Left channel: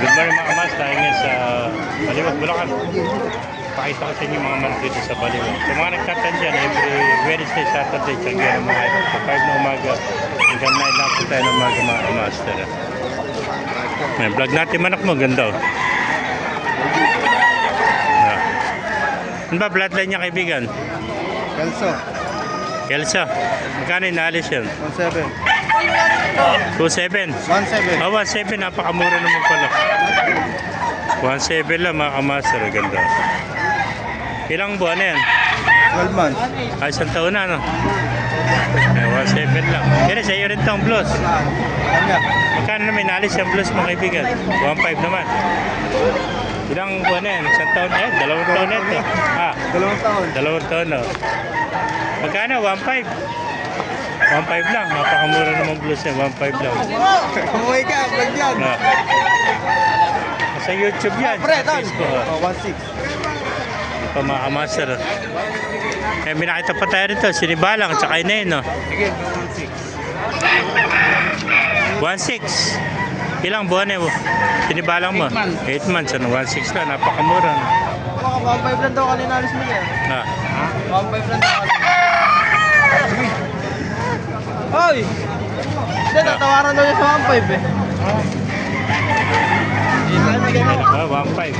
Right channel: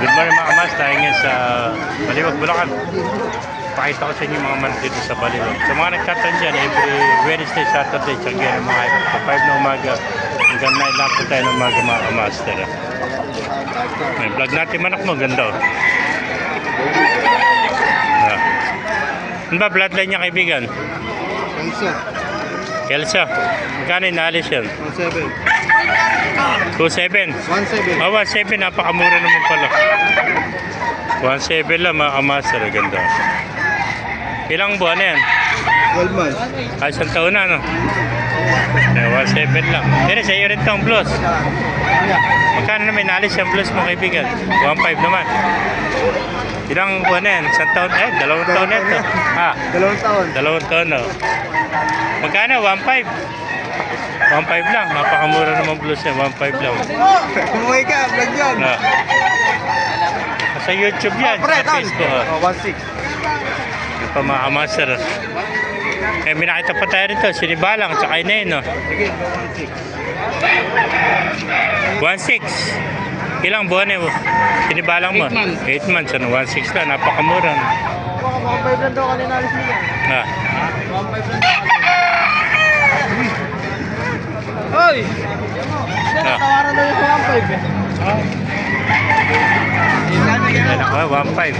Good morning mga kamas, tayo ngayon sa Baliwag, Bulacan. Pakita ko sa inyo mga man dito sa Baliwag. Sa mga nagtatan dyan, every Wednesday, Saturday, tiyanggihan ng mga ito. Sa 5 na umaga, hanggang 9 lang po tayo ng umaga mga kamaster. May vlog natin manak mo, ganda o. Ano ba bloodline niya kaibigan? Elsa. Kelsa, magkano inaalis yun? 17. 2.7? 17. 1.7, napakamura naman pala. 1.7 lang mga kamaster, ganda. Ilang buwan na yan? 12 months. Ay, isang taon na, no? 1.7 lang. Pero sa iyo rin itong blues. Magkano naman inaalis yung blues mo kaibigan? 1.5 naman. Ilang buwan na yan? Isang taon? Dalawang taon na ito. Ha? 2 taon. Dalawang taon, no? Magkano? 1.5? 1.5 lang. Napakamura naman blues yan. 1.5 lang. Kumuhay ka, vlog yan. Sa YouTube yan. Sa Facebook. 1.6. Pa mga kamaster. May nakita pa tayo rito. Sinibalang. Tsaka inayin, no? Sige, 1.6. 1.6. Ilang buwan eh? Sinibalang mo? 8 months. 1.6 lang. Napakamura. 1.5 lang daw kanina alis mo yan. 1.5 lang daw kanina. Hoy! Hindi, natawaran daw yung sa 1.5 eh. Ayan ako, 1.5.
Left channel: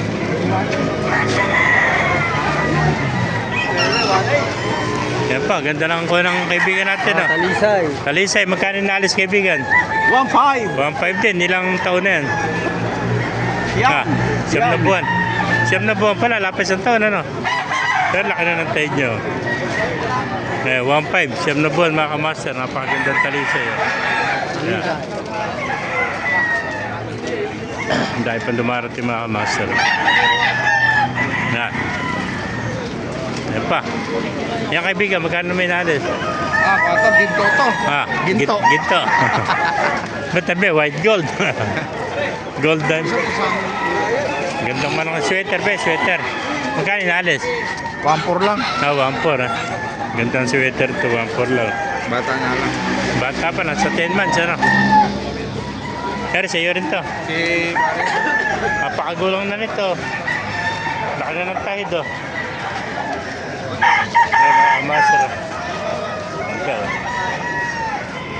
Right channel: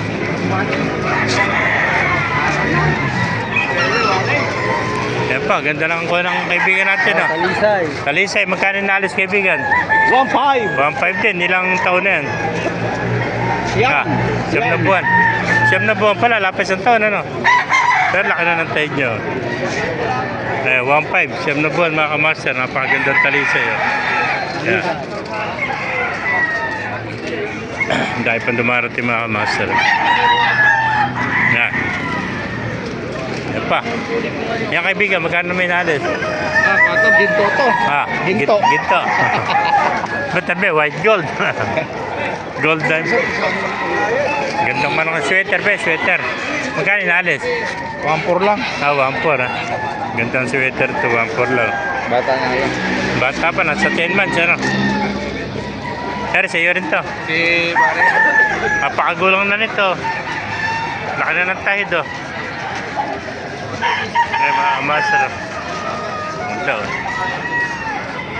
Ayan pa, ganda lang ko ng kaibigan natin. Talisay. Talisay, magkano naalis kaibigan? 1.5. 1.5 din, ilang taon na yan? Yan. Siyam na buwan. Siyam na buwan pala, lapis ang taon, ano? Pero laki na ng tayo nyo. 1.5, siyam na buwan mga kamaster, napakagandang talisay. Yan. Dahil pang dumarating mga kamaster. Yan. Yan pa. Yan kaibigan, magkano may naalis? Pato, ginto to. Ginto. Ginto. Ba't tabi, white gold. Golden. Gandang manang sweater, sweater. Magkano naalis? 1.4 lang. 1.4 ha. Gandang sweater to, 1.4 lang. Bata na yun. Bata pa, nasa 10 months, ano? Pero sa iyo rin to. Si Pare. Napakagulang na nito. Laki na ng tahid, oh. Mga master. Ito, oh.